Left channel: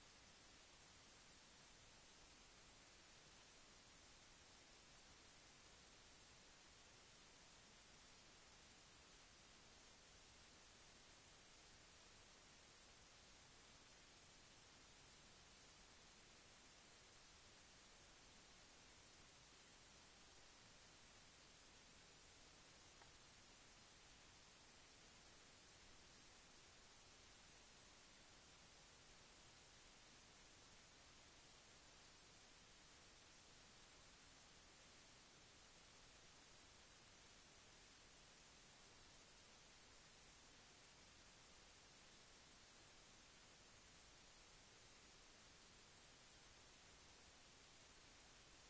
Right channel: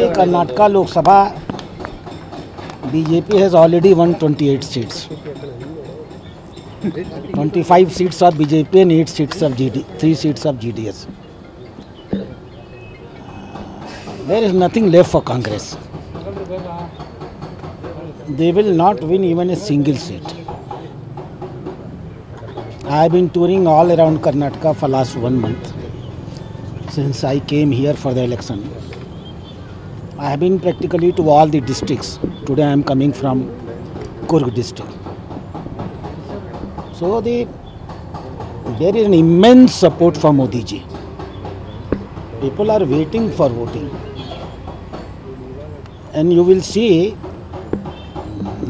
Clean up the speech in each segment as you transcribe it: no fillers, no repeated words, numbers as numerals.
देखिए, Karnataka Lok Sabha BJP has already won 28 seats. 25 seats of BJP and 8 seats of 3 seats of GDS. There is nothing left for Congress. They will not win even a single seat. I have been touring all around Karnataka for last 1 month since I came here for the election. I have been practically to all the districts. Today I am coming from Kurg district. So there is an immense support for Modi ji. People are waiting for voting. And you will see,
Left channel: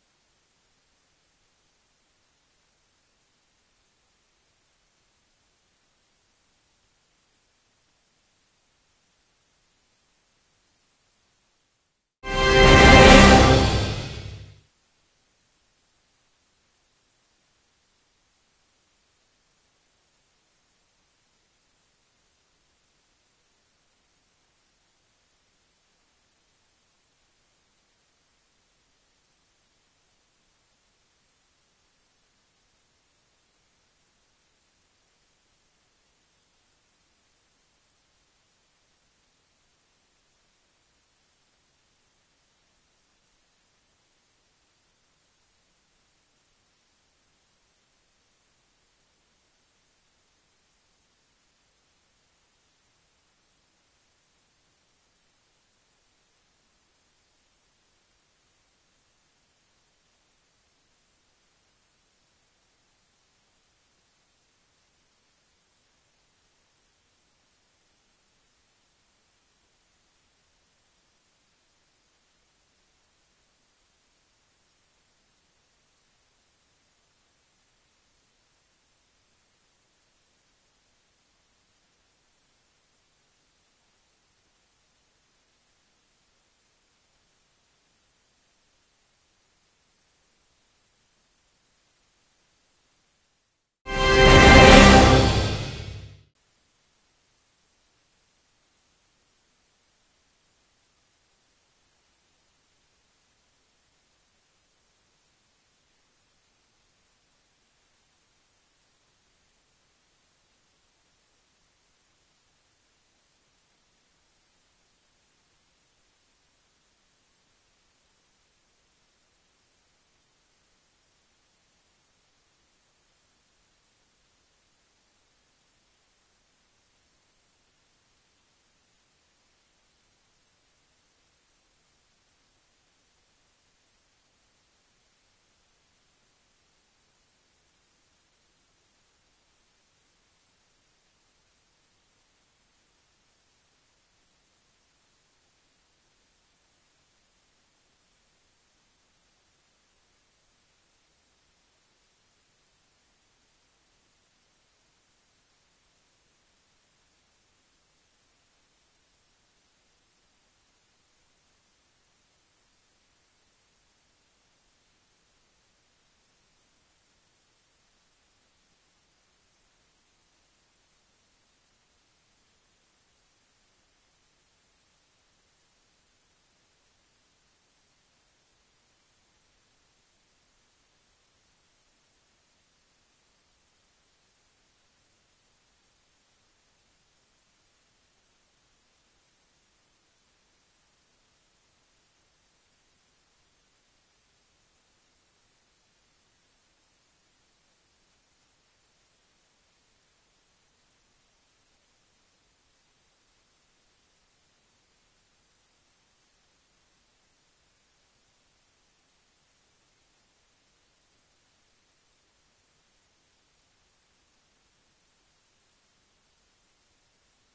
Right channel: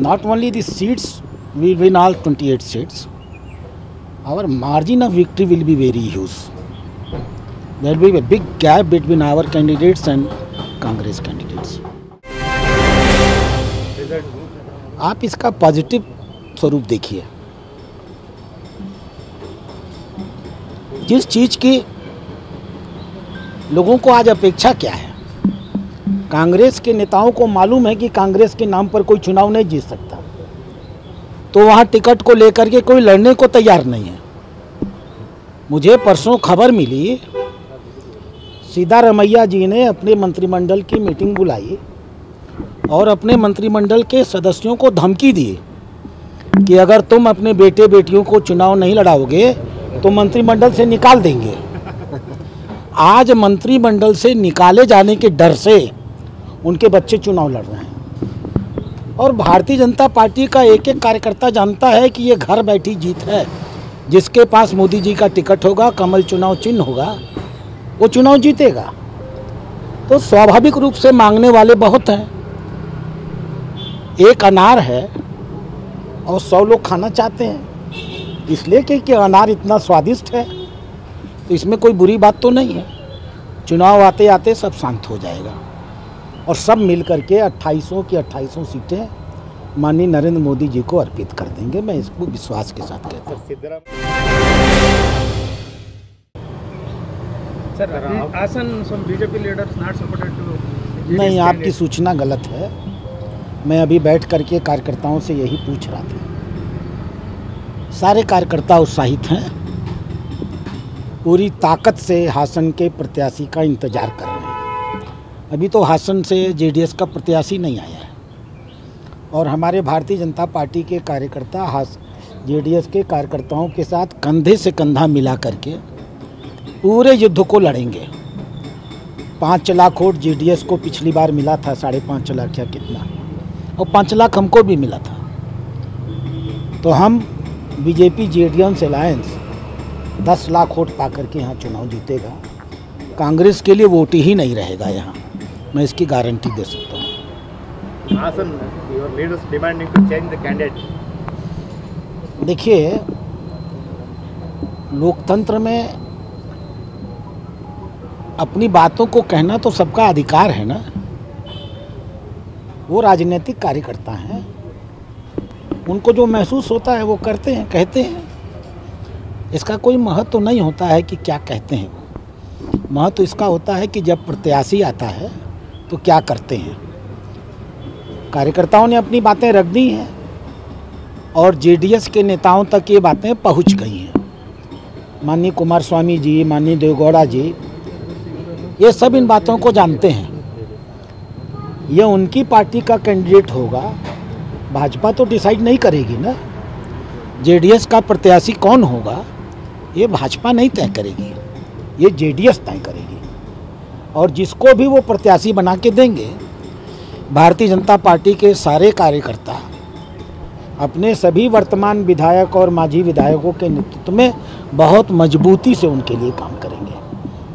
not only the seats, we will win all 28 seats. Our margin of victory will be very huge. There will be a big gap between our candidates and Congress candidates. आप इसका positive स्वरूप देखिए। जिस चीज की लोगों को आज अपेक्षा क्या है, कांग्रेस के नेताओं को मालूम है कि कांग्रेस के नाम पर कोई चुनाव नहीं जीत सकता, तो वहां टिकट को लेकर के कोई लड़ने को तैयार नहीं है। मुझे परसों खबर मिली, सिद्धारमैया जी ने अपने मंत्रिमंडल की मीटिंग बुलाई और अपने मंत्रिमंडल के सदस्यों को धमकी दी कि अगर तुम अपने बेटे बेटियों को चुनाव नहीं लड़ाओगे तो मंत्रिमंडल से निकाल देंगे। आज मंत्रिमंडल से निकाले जाने के डर से उनके बच्चे चुनाव लड़ रहे हैं। और भारतीय जनता पार्टी का एक एक कार्यकर्ता जानता है कि ये घर बैठी जीत है। जिसके पास मोदी जी का टिकट होगा, कमल चुनाव चिन्ह होगा, वो चुनाव जीतेगा। तो स्वाभाविक रूप से मांगने वाले बहुत हैं। एक अनार है और 100 लोग खाना चाहते हैं, इसलिए कि अनार इतना स्वादिष्ट है, तो इसमें कोई बुरी बात तो नहीं है। चुनाव आते आते सब शांत हो जाएगा और सब मिल करके 2800 की 2800 सीटें माननीय नरेंद्र मोदी जी को अर्पित कर देंगे। मैं इसको विश्वास के साथ कहता हूँ। नहीं, आपकी सूचना गलत है। मैं अभी बैठ करके कार्यकर्ताओं से यही पूछ रहा था। सारे कार्यकर्ता उत्साहित हैं, पूरी ताकत से हासन के प्रत्याशी का इंतजार कर रहे हैं। अभी तो हासन से जेडीएस का प्रत्याशी नहीं आया है और हमारे भारतीय जनता पार्टी के कार्यकर्ता जेडीएस के कार्यकर्ताओं के साथ कंधे से कंधा मिला करके पूरे युद्ध को लड़ेंगे। 5 लाख वोट जेडीएस को पिछली बार मिला था, 5.5 लाख या कितना, और 5 लाख हमको भी मिला था। तो हम BJP JDS alliance 10 lakh vote पा करके यहाँ चुनाव जीतेगा। कांग्रेस के लिए वोट ही नहीं रहेगा यहाँ, मैं इसकी गारंटी दे सकता हूँ। देखिए, लोकतंत्र में अपनी बातों को कहना तो सबका अधिकार है ना। वो राजनीतिक कार्यकर्ता हैं, उनको जो महसूस होता है वो करते हैं, कहते हैं। इसका कोई महत्व तो नहीं होता है कि क्या कहते हैं वो। महत्व तो इसका होता है कि जब प्रत्याशी आता है तो क्या करते हैं। कार्यकर्ताओं ने अपनी बातें रख दी हैं और जेडीएस के नेताओं तक ये बातें पहुंच गई हैं। माननीय कुमारस्वामी जी, माननीय देवेगौड़ा जी, ये सब इन बातों को जानते हैं। ये उनकी पार्टी का कैंडिडेट होगा, भाजपा तो डिसाइड नहीं करेगी ना। जेडीएस का प्रत्याशी कौन होगा ये भाजपा नहीं तय करेगी, ये जेडीएस तय करेगी। और जिसको भी वो प्रत्याशी बना के देंगे, भारतीय जनता पार्टी के सारे कार्यकर्ता अपने सभी वर्तमान विधायक और माजी विधायकों के नेतृत्व में बहुत मजबूती से उनके लिए काम करेंगे।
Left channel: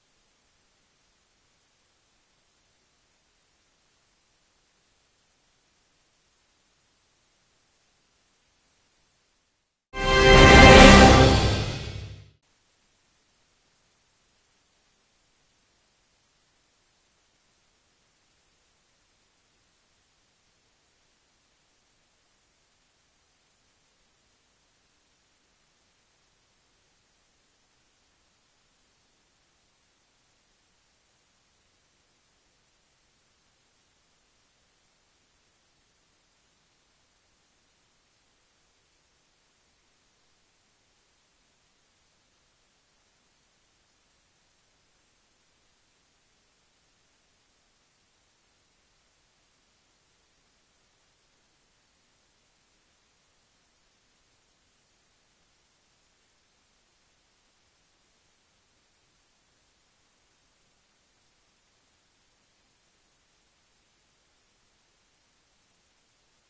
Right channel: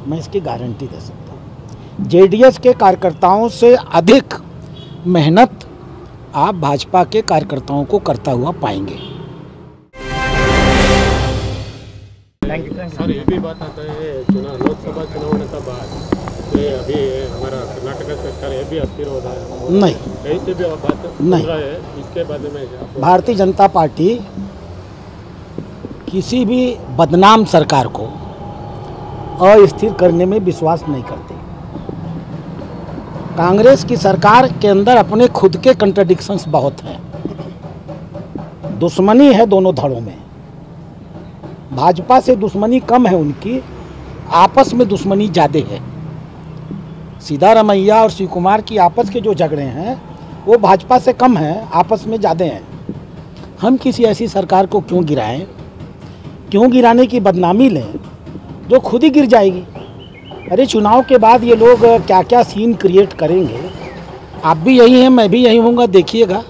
मैं इसकी गारंटी दे सकता हूँ। जेडीएस के कार्यकर्ताओं से अधिक मेहनत आप भाजपा के कार्यकर्ताओं को करता हुआ पाएंगे। सर, ये भी बात आता है लोकसभा चुनाव का बाद ये अभी हमारा कर्नाटक सरकार ये भी अस्थिर हो रहा है। नहीं, कहीं से भी बात नहीं है। इसके बारे में भारतीय जनता पार्टी किसी भी बदनाम सरकार को अस्थिर करने में विश्वास नहीं करती। कांग्रेस की सरकार के अंदर अपने खुद के कंट्राडिक्शंस बहुत हैं। दुश्मनी है दोनों धड़ों में। भाजपा से दुश्मनी कम है उनकी, आपस में दुश्मनी ज़्यादा है। सिद्धारमैया और शिव कुमार की आपस के जो झगड़े हैं वो भाजपा से कम हैं, आपस में ज़्यादा हैं। हम किसी ऐसी सरकार को क्यों गिराएं, क्यों गिराने की बदनामी लें जो खुद ही गिर जाएगी। अरे चुनाव के बाद ये लोग क्या क्या सीन क्रिएट करेंगे। आप भी यही हैं, मैं भी यही हूँगा, देखिएगा।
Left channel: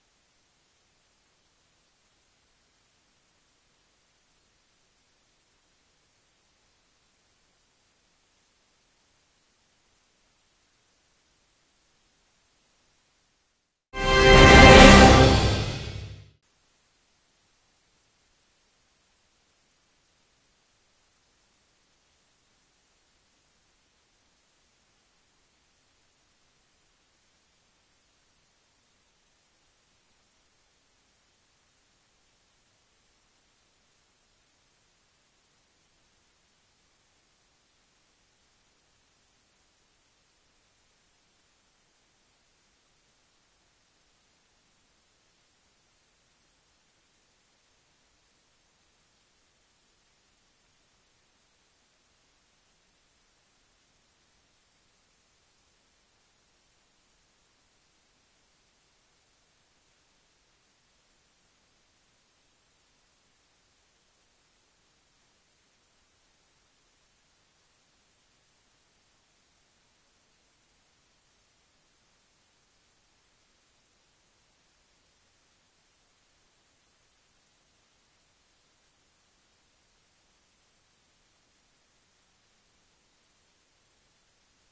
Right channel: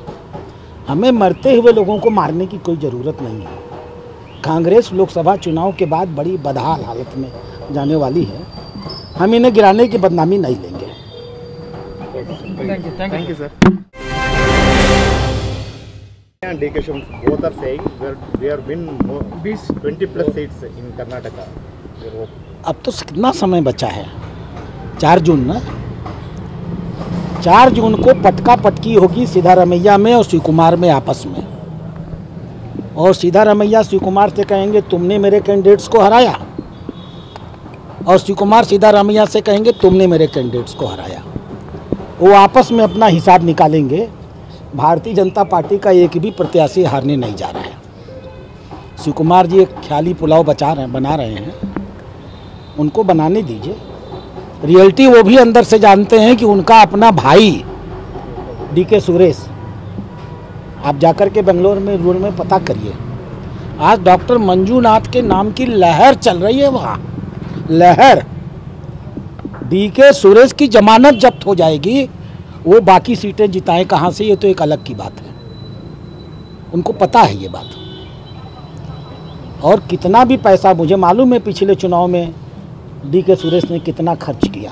हमें मरते हुए लोगों को मारने की कोई ज़रूरत नहीं है। कांग्रेस लोकसभा चुनाव के बाद बड़ी बदहाल हालत में जाने वाली है। हम इन्हें गिराने की बदनामी नहीं लेंगे। Thank you, sir. And DK Shivam both are saying we are win 20 plus seats in Karnataka. अब तो कितना समय बचा है, 4 जून ना। 4 जून को पटका पटकी होगी सिद्धारमैया में और शिव कुमार में आपस में। और सिद्धारमैया शिव कुमार से कहेंगे तुमने मेरे कैंडिडेट्स को हराया, और शिव कुमार सिद्धारमैया से कहेंगे तुमने मेरे कैंडिडेट्स को हराया। वो आपस में अपना हिसाब निकालेंगे। भारतीय जनता पार्टी का एक भी प्रत्याशी हारने नहीं जा रहा है। शिव कुमार जी एक ख्याली पुलाव बना रहे हैं, उनको बनाने दीजिए। रियलिटी वो भी अंदर से जानते हैं कि उनका अपना भाई DK सुरेश, आप जाकर के बेंगलोर में रूल में पता करिए, आज डॉक्टर मंजूनाथ के नाम की लहर चल रही है वहाँ। लहर DK सुरेश की जमानत जब्त हो जाएगी, वो बाकी सीटें जिताएं कहाँ से, ये तो एक अलग की बात है। उनको पता है ये बात। और कितना भी पैसा, मुझे मालूम है पिछले चुनाव में DK सुरेश ने कितना खर्च किया,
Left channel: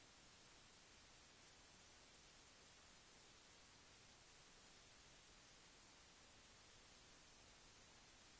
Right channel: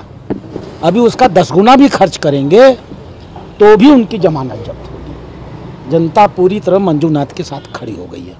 अभी उसका 10 गुना भी खर्च करेंगे तो भी उनकी जमानत जब्त होगी। जनता पूरी तरह मंजूनाथ के साथ खड़ी हो गई है।